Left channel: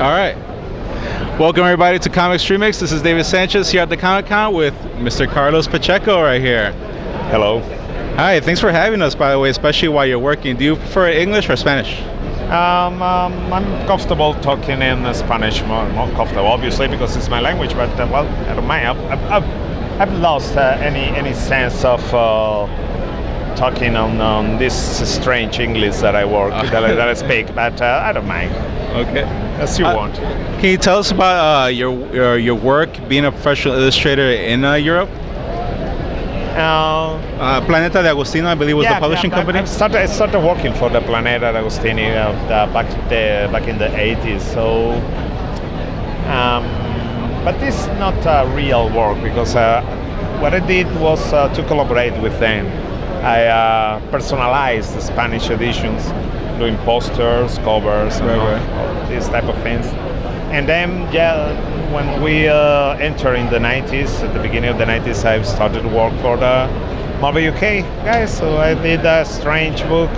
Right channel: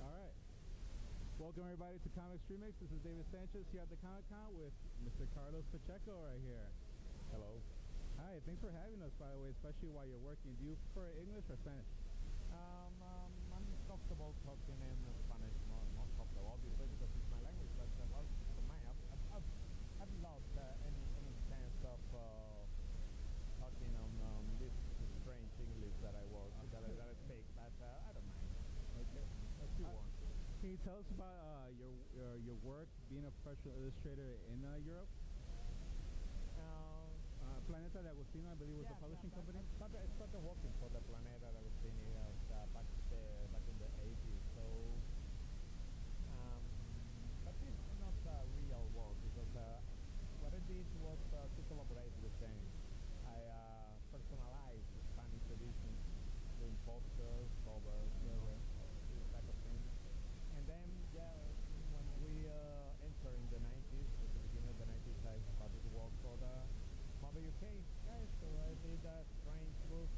All right. Welcome everybody to Comics Remixed. This is David Sanchez here at the Comic Con with Mr. Carlos Pacheco right here. Hello. Hi, thanks for having us, by the way, especially while you're working. Do you prefer English or Spanish? I'm comfortable talking in Spanish, more comfortable, obviously, because it's my language. But well, I don't mind. I've lost any sense of talking on this strange English that I work that I speak. But I don't mind. Okay. As you want. Can you tell us about your work being a professional illustrator in Europe? Planeta de Agostino, I believe, was the publishing company. I started working for the Planeta de Agostino back in the 80s. So, but it's not real work because what I did was to collaborate with them. I personalized the Spanish editions, doing posters, covers, all these type of things. And then, when we entered in the 90s, at the beginning of the 90s, I started to work for the Marvel UK guys. So I did a strange book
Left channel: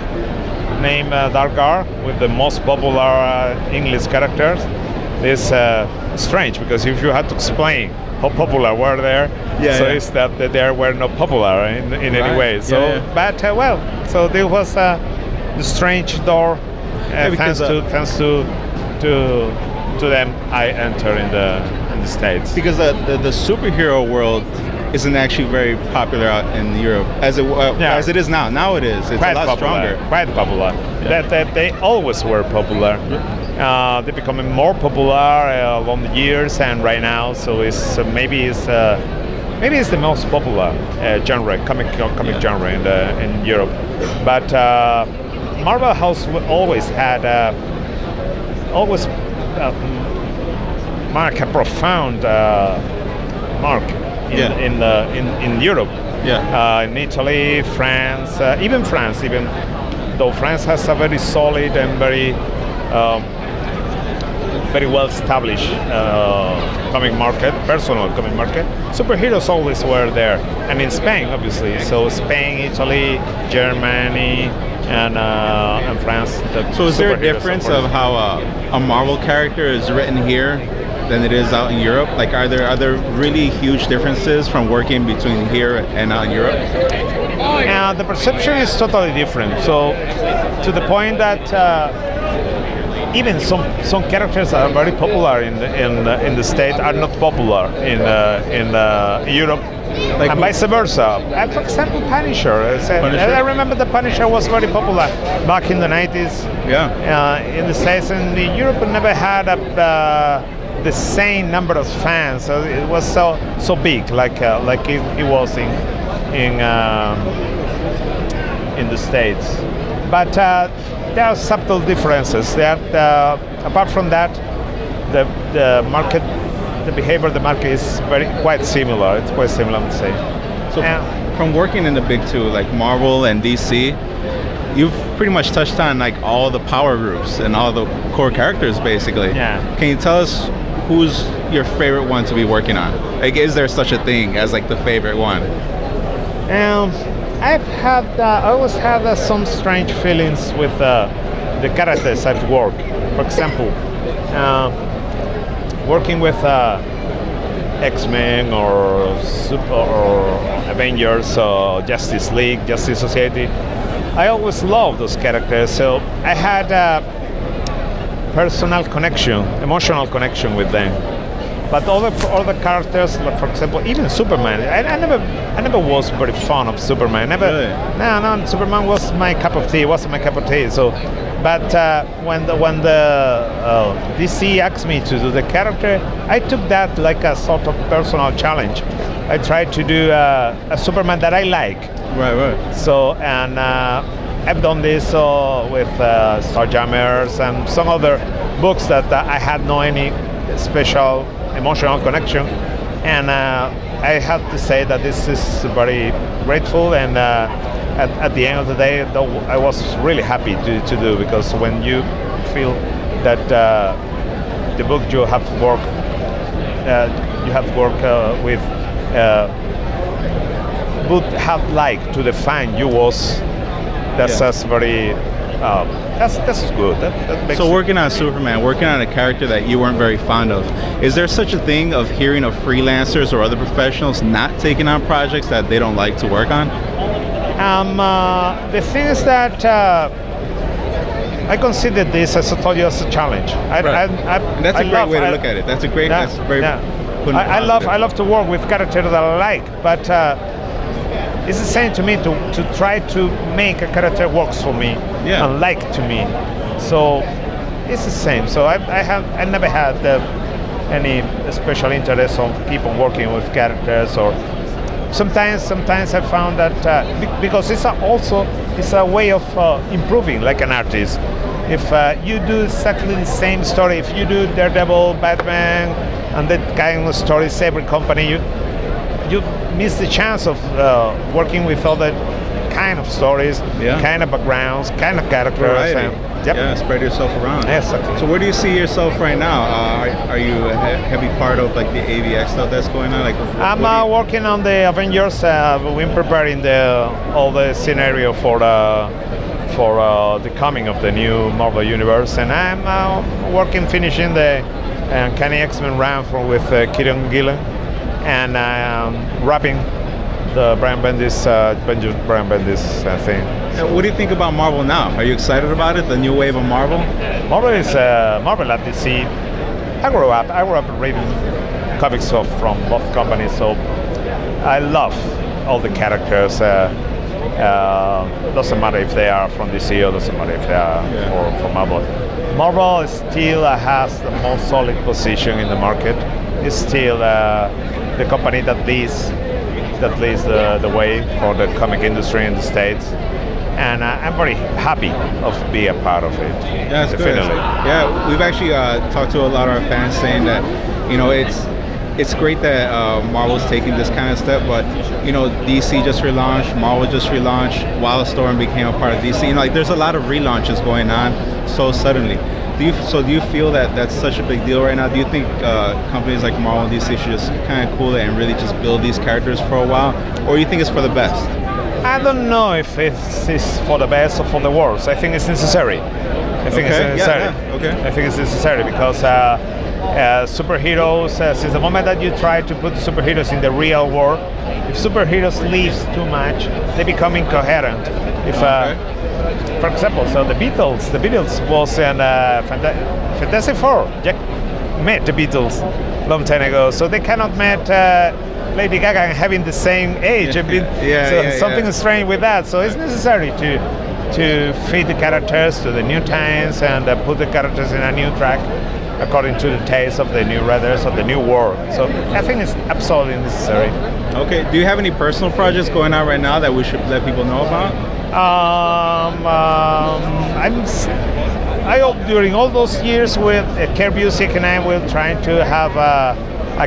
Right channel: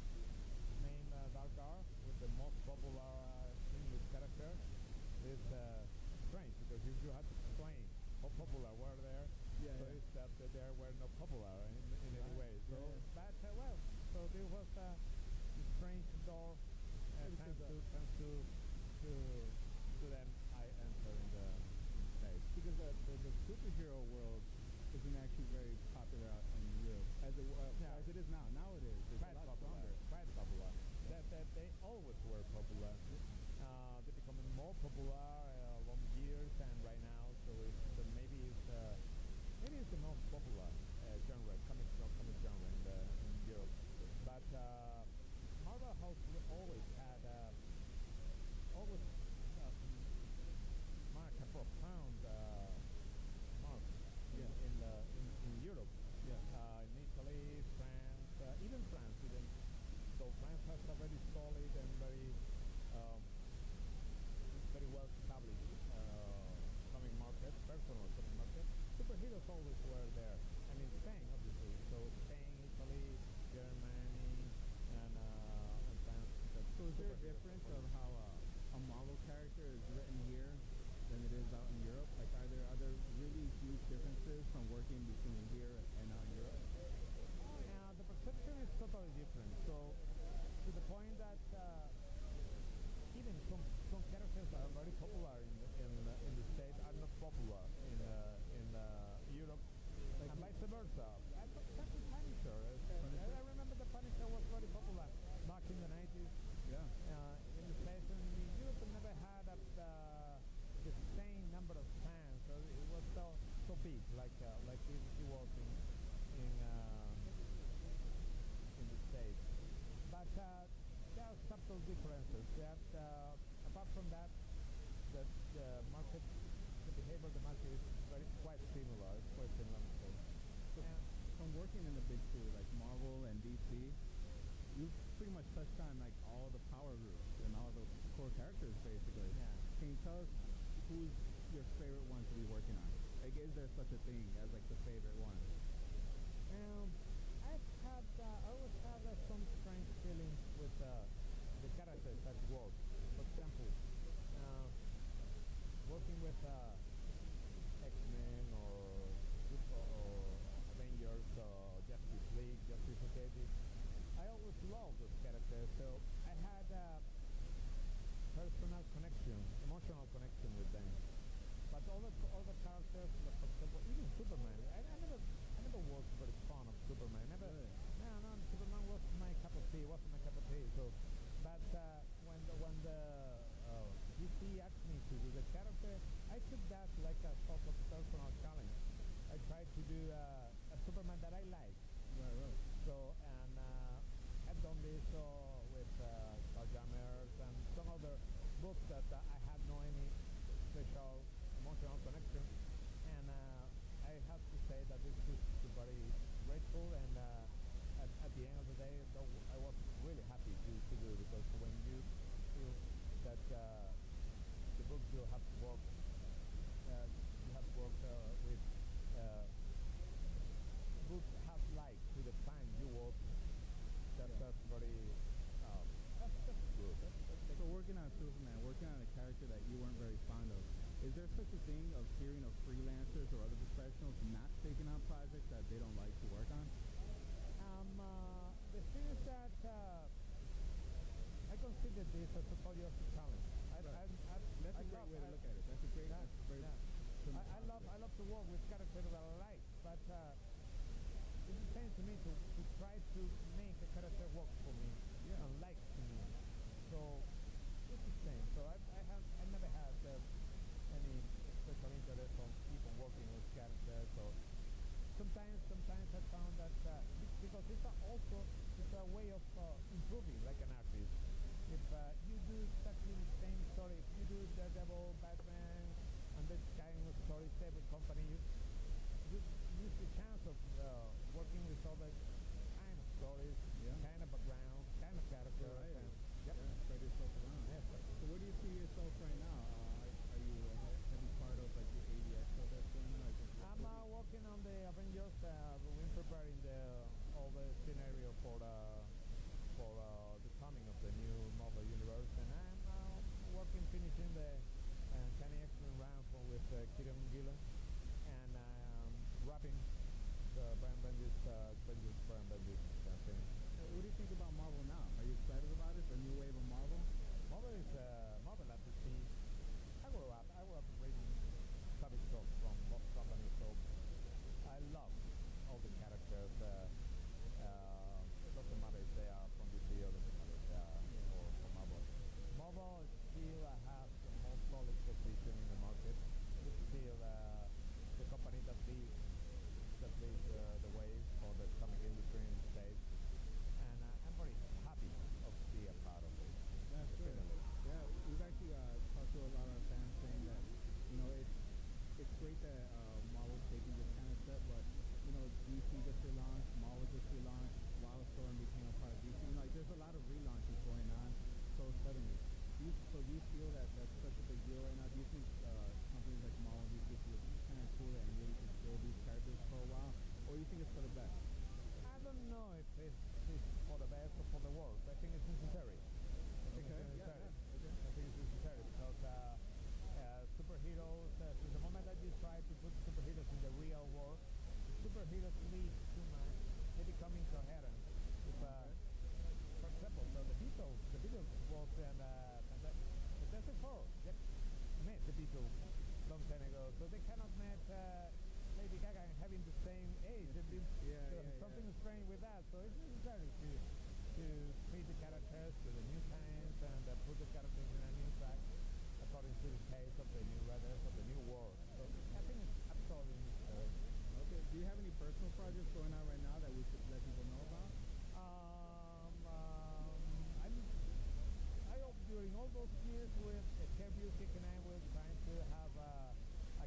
named Dargar with the most popular English characters. This strange because if you had to explain how popular were there, it's that they were not popular in any way. So, but so there was the strange door. Thanks to them, I enter in the States. Because the superhero world isn't actually very popular out in Europe as it is now. Now it is. It's quite a lot popular, stronger. Quite popular. Yeah. They always were popular. They're becoming more popular along the years, and right now, so maybe it's the most popular genre, comic genre in Europe. But Marvel has always had mark a profound mark in Europe. In Italy, France, even though France has a very solid and very well established personal comic market. Superheroes always were there, and in Spain, obviously. So Spain, Italy, Germany, and France. So is there a difference of how a Marvel character is written here than it is out in Europe? Like, are there really huge differences from working between here and out in Europe? The perception is totally different. So, to the point that even some characters that are very popular in the States are not popular in Europe. Like, and vice versa. For example, Punisher. I remember the Punisher was very popular back in the 90s. In the States, and Europe never had the same number of fans. So it was so big, like it was in the States. But there are subtle differences. Apart from that, the market. The behavior of the market is quite similar. It's quite similar, I would say. So from working in the big two, like Marvel and DC, you've pretty much touched on like all the power groups and all the core characters, basically. Yeah. Can you tell us who's your favorite one to be working on? Like, is there such a thing as like the favorite one? I always had some strange feelings with the characters I've worked. For example, working with X-Men or Avengers or Justice League, Justice Society, I always loved those characters. So I had a personal connection, emotional connection with them. But all the characters, like for example, even Superman, I never was very fond of Superman. Really? No, Superman was my cup of tea. Wasn't my cup of tea. So, but when the DC asked me to do the character, I took that like a sort of personal challenge. I tried to do a Superman that I like. Right. So, and I've done this with Starjammers and some other books that I had no any special emotional connection, and I have to say that this is very grateful, and at the end of the day, I was really happy to do, because when you feel that the book you have worked with would have liked to define you was, that's just very That's good. That makes So working on Superman, working on a character that you weren't very fond of, is there such a thing of hearing of freelancers or other professionals not taking on projects that they don't like to work on? The thing is that I consider this, as I told you, as a challenge. And that's a great way to look at it. That's a great. Yeah, that's very. yeah. I love to work with characters that I like, but it's the same to me to try to make a character works for me and like to me. So it's the same. So I never had any special interest on keep on working with characters, or sometimes I found that because it's a way of improving like an artist. If you do exactly the same story, if you do Daredevil, Batman, and that kind of stories, every company, you miss the chance of working with other kind of stories, kind of backgrounds, kind of characters. Yeah, spread yourself around. Exactly. So where do you see yourself right now? Are you a heavy part of like the AVX stuff that's going on? Like, I'm working on the Avengers. We're preparing all the scenario for the coming of the new Marvel Universe, and I'm finishing the Uncanny X-Men run with Kieron Gillen, and wrapping the Brian Bendis thing. And what do you think about Marvel now? Are you excited about it? The new wave of Marvel? Marvel is Marvel at DC. I grew up reading comics from both companies, so I love all the characters. Doesn't matter if they are from DC or doesn't matter if they are from Marvel. Marvel still has the most solid position in the market. It's still the company that leads the way for the comic industry in the States. And I'm very happy of being a part of it. Yeah, that's definitely. Good. Yeah, we've actually talked to a lot of our fans saying that, it's great that Marvel's taking this kind of step, but DC just relaunched, Marvel just relaunched, Wildstorm became a part of DC. There's a lot of relaunches going on so suddenly. Do you feel that that's such a big deal right now? Do you think companies like Marvel and DC should just kind of cool it and really just build these characters for a while, or do you think it's for the best? I don't know if it's for the best or for the worst. I think it's necessary. I think it's necessary. I think it's necessary because superheroes, since the moment that you try to put superheroes in the real world, if superheroes leave too much, they become incoherent. For example, so the Beatles was in Fantastic Four. Jack met the Beatles long time ago, so they cannot meet Lady Gaga and having the same age. Something strange with that. So it's necessary to feed the characters to the new times and put the characters in a new track according to the taste of the new writers of the new world. So I think it's absolutely necessary. Okay. Do you have any personal projects going on right now that we should let people know about? I hope during all those years with Care Music, and I will try to have a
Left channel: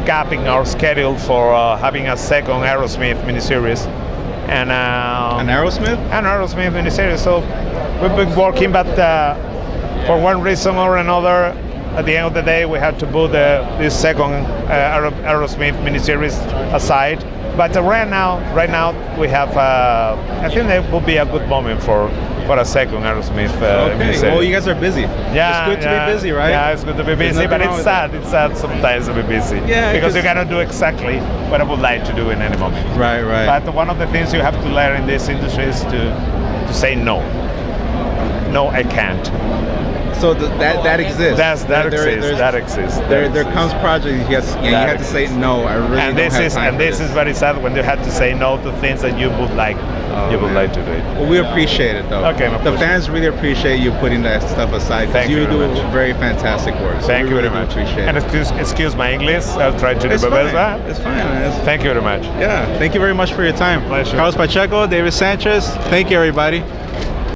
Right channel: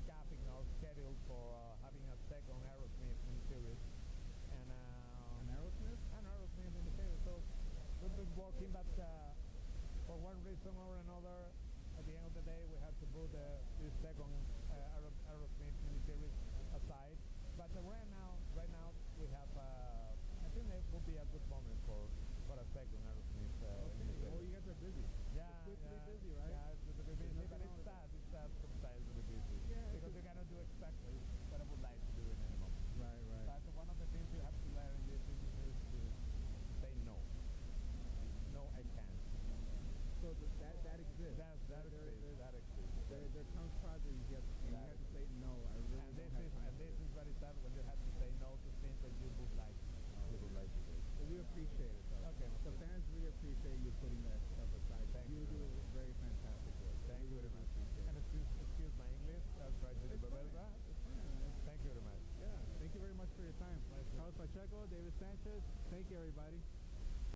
gap in our schedule for having a second Aerosmith miniseries. And an Aerosmith? An Aerosmith miniseries. So we've been working, but for one reason or another, at the end of the day, we had to put this second Aerosmith miniseries aside. But right now we have. I think that will be a good moment for a second Aerosmith miniseries. Well, you guys are busy. Yeah, it's good to be busy, right? Yeah, it's good to be busy, but it's sad. It's sad sometimes to be busy. Yeah, because you cannot do exactly what I would like to do in any moment. Right. But one of the things you have to learn in this industry is to say no. No, I can't. So that exists. That exists. There comes projects you have to say no. I really and don't have this time and this for is very sad when you have to say no to things that you would like. Like to do it. Well, we appreciate it though. Okay, the fans really appreciate you putting that stuff aside. Thank you do very much. Very fantastic work. So Thank you really very much. Appreciate and it. excuse my English. I'll try to do my best. It's fine, man. Thank you very much. Yeah. Thank you very much for your time. Pleasure. Carlos Pacheco, David Sanchez. Thank you, everybody.